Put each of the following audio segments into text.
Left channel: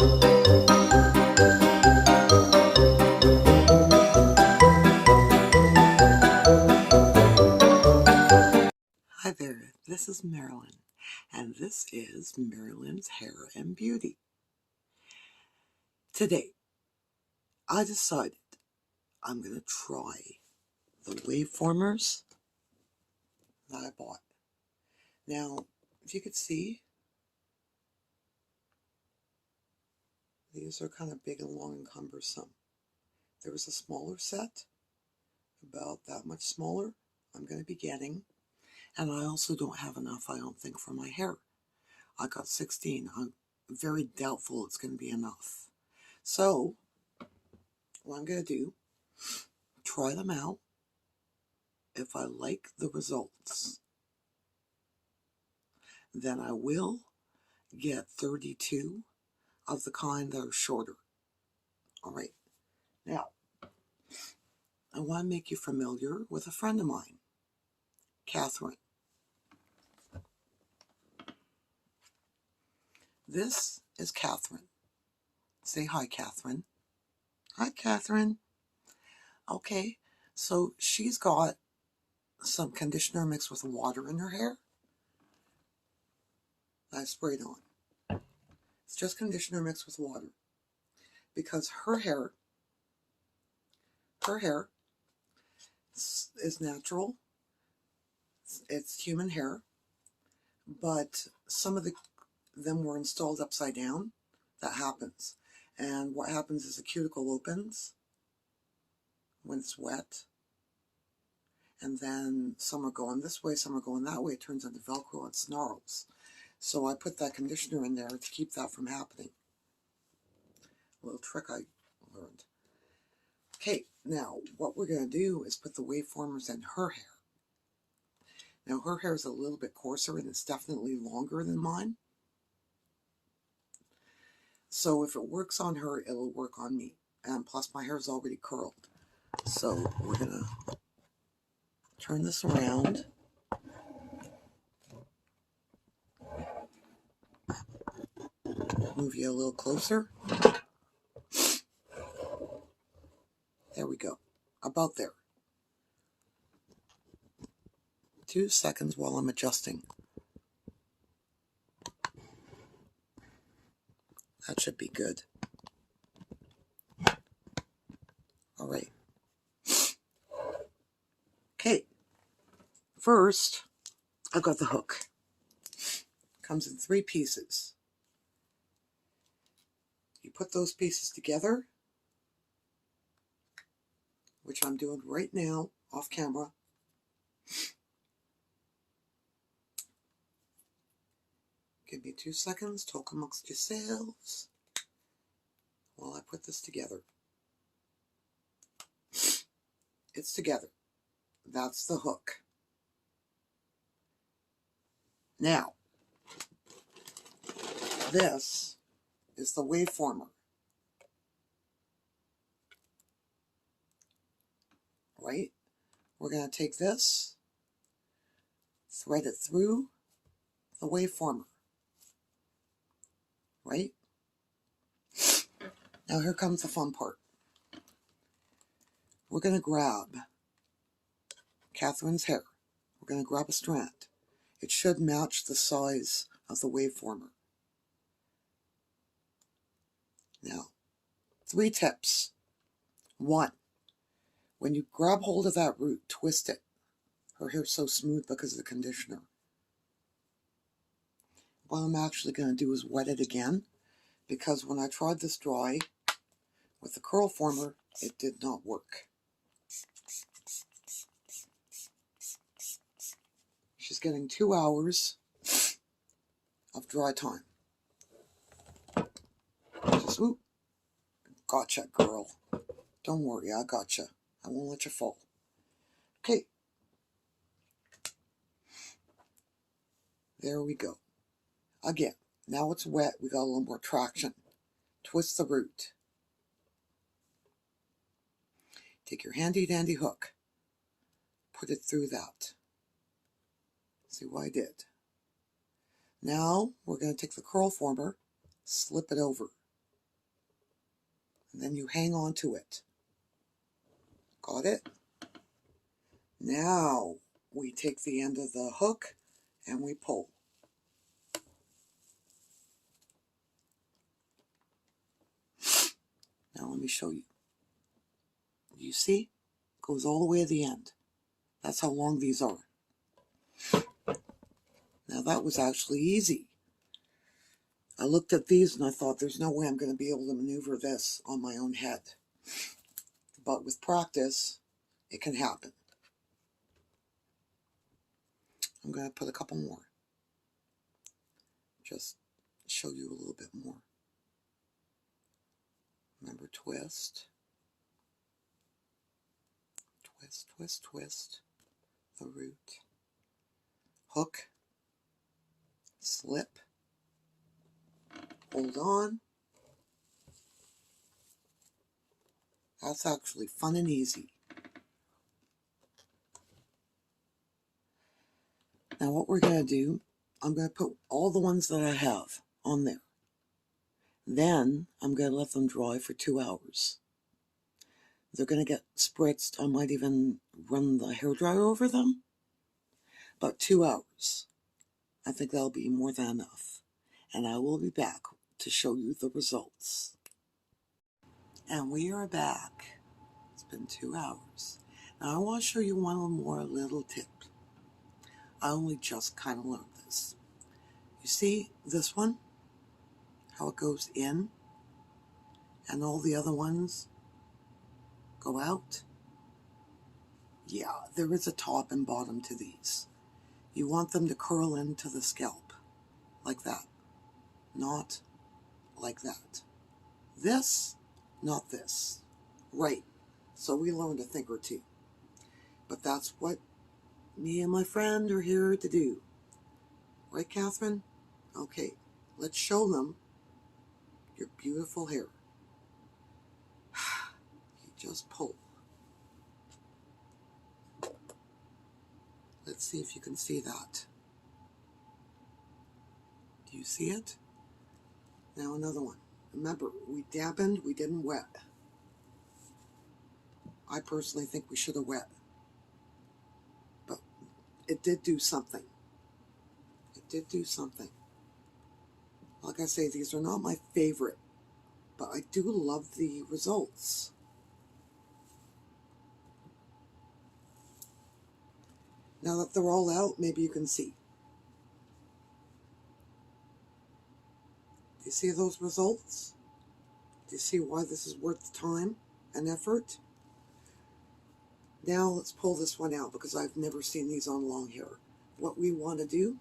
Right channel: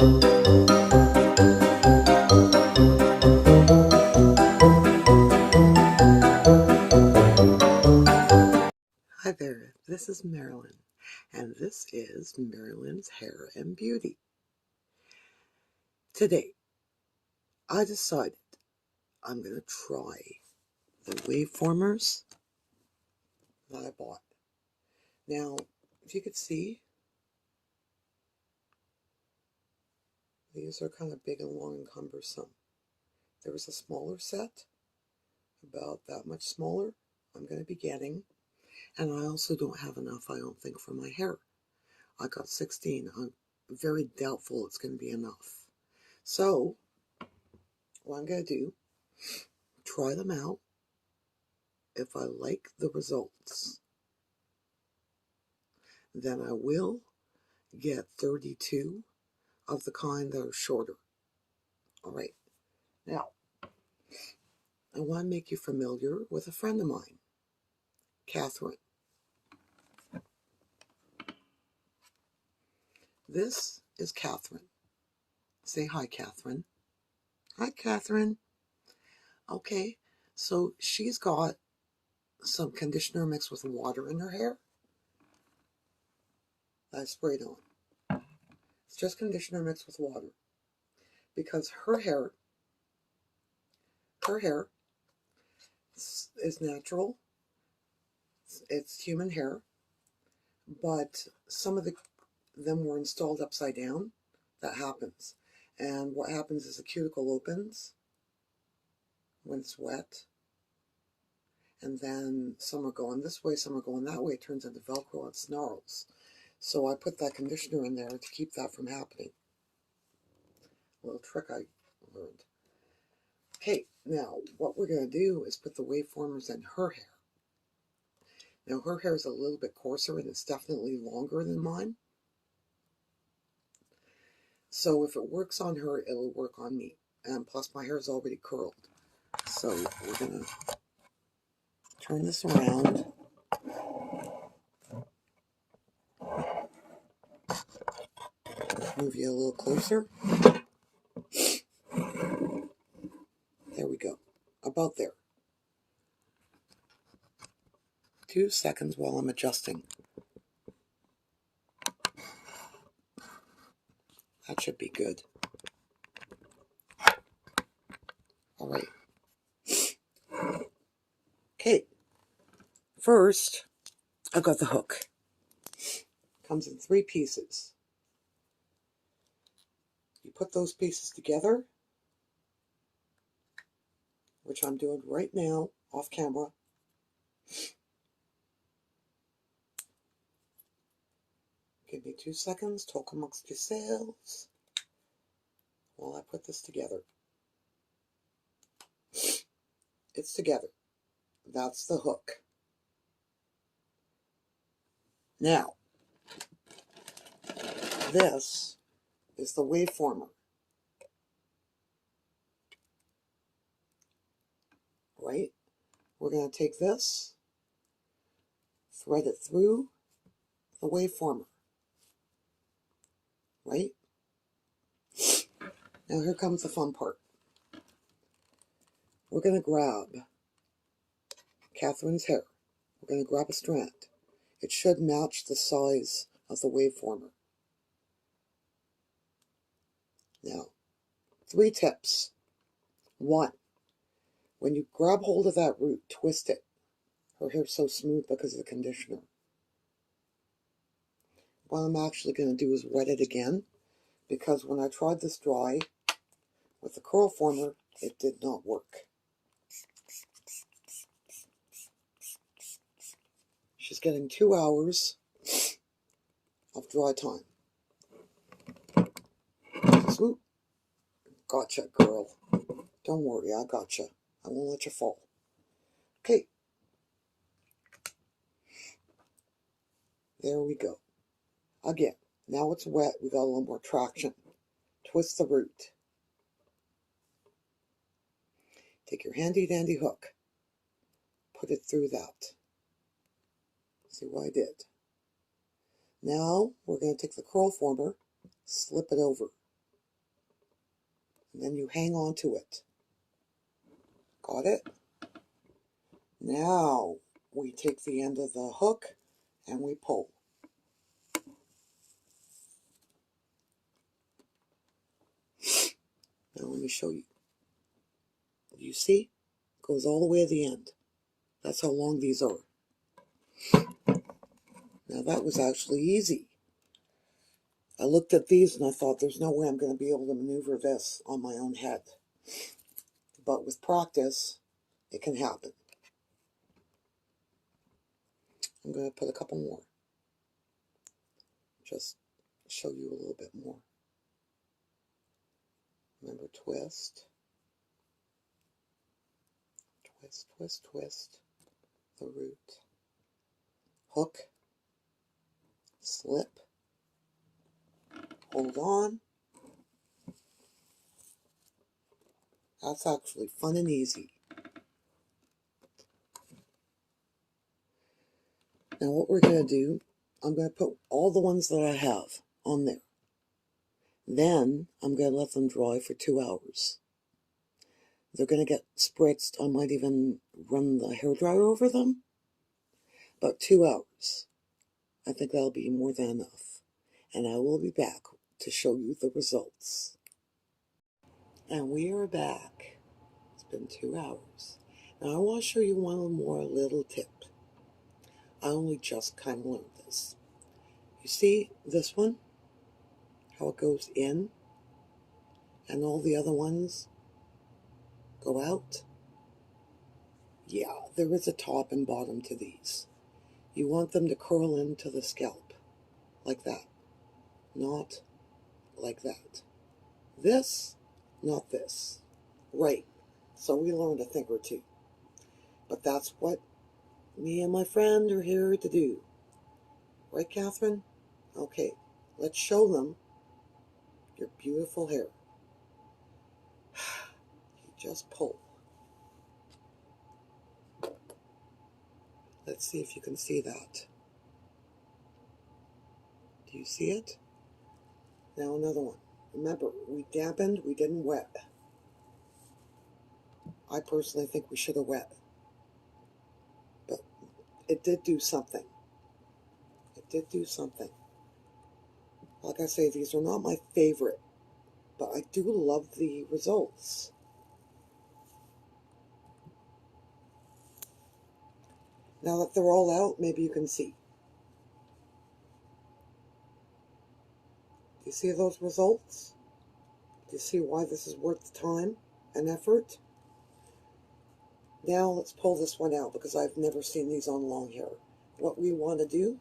Hi there, this is Marilyn, and this is Marilyn's Hair and Beauty. Today, I decided I'm going to try the waveformers that I bought. Now, if you could see, these are kind of big and long and cumbersome. There was a smaller set, about that much smaller, I'm going to be getting. And I also don't have enough, I don't think, for my hair. I got 16. I'm very doubtful it's going to be enough. So, what I'm going to do, try them out. If I like the results, then I will get 32 of the kind that are shorter. All right. Now, I want to make you familiar with a friend of mine, Katherine. This is Katherine. Say hi, Katherine. Hi, Katherine. Okay, so she's got some conditioner mixed with water in her hair. I sprayed on. It's just conditioner mixed with water. Because her hair is natural. It's human hair. But some of them were installed upside down. That happens. And what happens is the cuticle opens when it's wet. And then some are going this way, some are going that way. It turns into Velcro and snarls. So I put that conditioner in there to keep that from happening. A little trick I learned. Okay, now what we're going to do is put the waveformers in her hair. Now her hair is a little bit coarser and it's definitely longer than mine. So if it works on her, it'll work on me. And plus my hair is already curled. So we're going to turn this around. Move you a little closer. There we go. About there. 2 seconds while I'm adjusting. That should be good. All right. Okay. First, I got the hook. Comes in 3 pieces. You put those pieces together, which I'm doing right now off camera. Give me 2 seconds. Talk amongst yourselves while I put this together. It's together. That's the hook. Now, this is the waveformer. Right? We're going to take this, thread it through the waveformer. Right? Now here comes the fun part. We're going to grab Katherine's hair. We're going to grab a strand. It should match the size of the waveformer. Now, 3 tips. 1, when you grab hold of that root, twist it. Her hair's so smooth because of the conditioner. What I'm actually going to do is wet it again, because when I tried this dry with the curl former, it did not work. She's getting 2 hours of dry time. Just, ooh, gotcha, girl. Don't worry, I gotcha. I won't let you fall. Okay. There we go. Again, now it's wet, we got a little more traction. Twist the root. Take your handy dandy hook. Put it through that. See what I did? Now we're going to take the curl former, slip it over. and then you hang on to it. Got it? Now we take the end of the hook and we pull. Now let me show you. You see? Goes all the way to the end. That's how long these are. Now that was actually easy. I looked at these and I thought there's no way I'm going to be able to maneuver this on my own head. But with practice, it can happen. I'm going to put a couple more. Just show you a little bit more. Remember, twist. Twist, twist, twist. The root. Hook. Slip. Hold on. That's actually fun and easy. Now what we're going to do, I'm going to put all the ones that I have on there. Then I'm going to let them dry for 2 hours. They're going to get spritzed. I might even run the hairdryer over them. But 2 hours. I think that'll be more than enough. And I will be back to show you the results. And we are back. It's been 2 hours. Now I want to show you one more little tip. I only just kind of learned this. You see this one? How it goes in? And all the other ones go out? Yeah, there is a top and bottom to these. You want them to curl into the scalp. Like that. Not like that. This, not this. Right. So we learned a thing or two. But that's what me and my friend are here to do. Right, Katherine? Okay, let's show them your beautiful hair. You just pull. Let's see if you can see that. Do you see it? Now another one. Remember, we dampened, we didn't wet. I personally think we should have wet. But it did do something. It did do something. Like I say, these are not my favorite, but I do love the results. Now that they're all out, maybe you can see. Do you see those results? Do you see why this is worth the time and effort? Now let's pull this one out because I've never seen these on long hair. What we want to do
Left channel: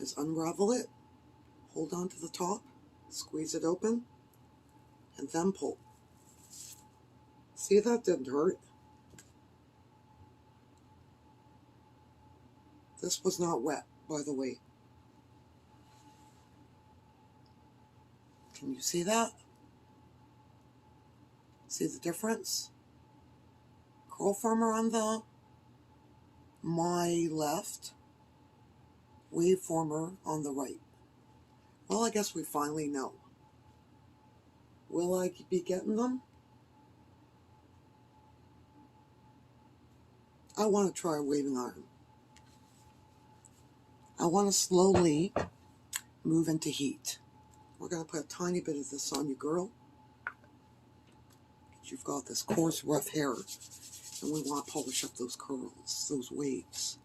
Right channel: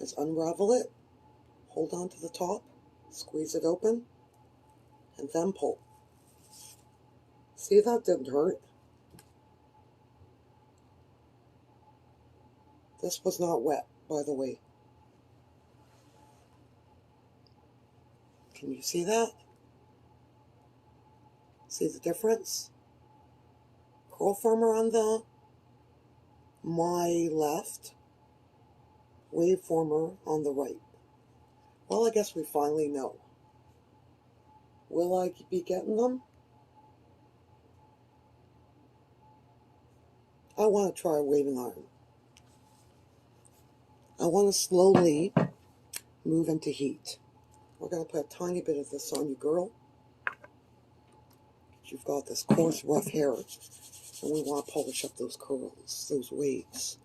is unravel it, hold on to the top, squeeze it open, and then pull. See, that didn't hurt. This was not wet, by the way. Can you see that? See the difference? Curl former on the my left, waveformer on the right. Well, I guess we finally know. Will I be getting them? I want to try a waving iron. I want to slowly move into heat. We're going to put a tiny bit of this on you, girl. You've got this coarse, rough hair, and we want to polish up those curls, those waves,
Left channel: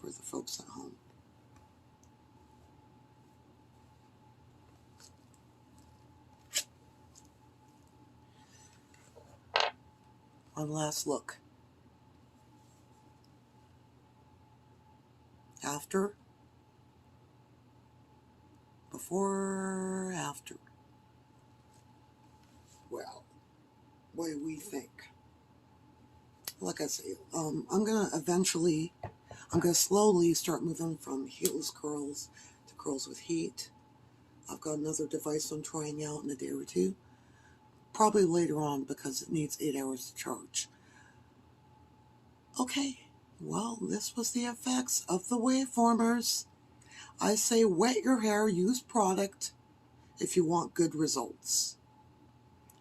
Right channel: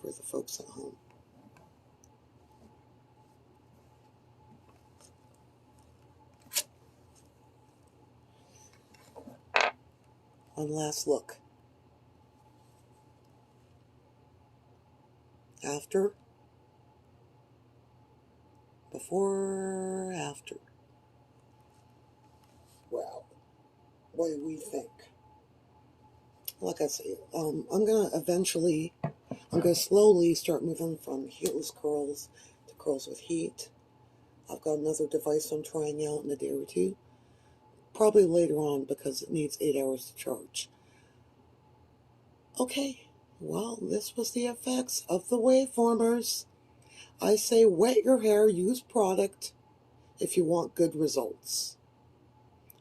for the folks at home. One last look. After, before, after. Well, what do we think? Like I say, I'm going to slowly start moving from heatless curls to curls with heat. I've got another device I'm trying out in a day or two. Probably later on because it needs 8 hours to charge. Okay, well, this was the effects of the waveformers. I say wet your hair, use product if you want good results.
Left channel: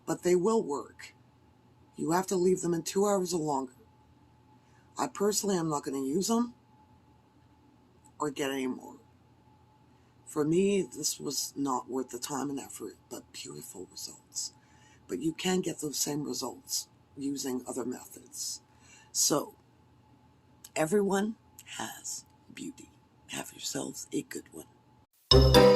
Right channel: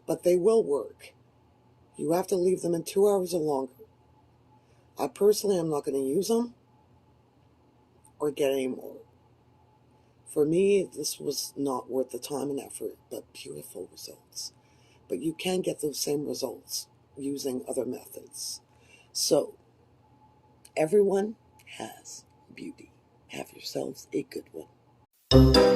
but they will work. You have to leave them in 2 hours or longer. I personally am not going to use them or get any more. For me, this was not worth the time and effort, but beautiful results. But you can get those same results using other methods. So, everyone has beauty. Have yourselves a good one.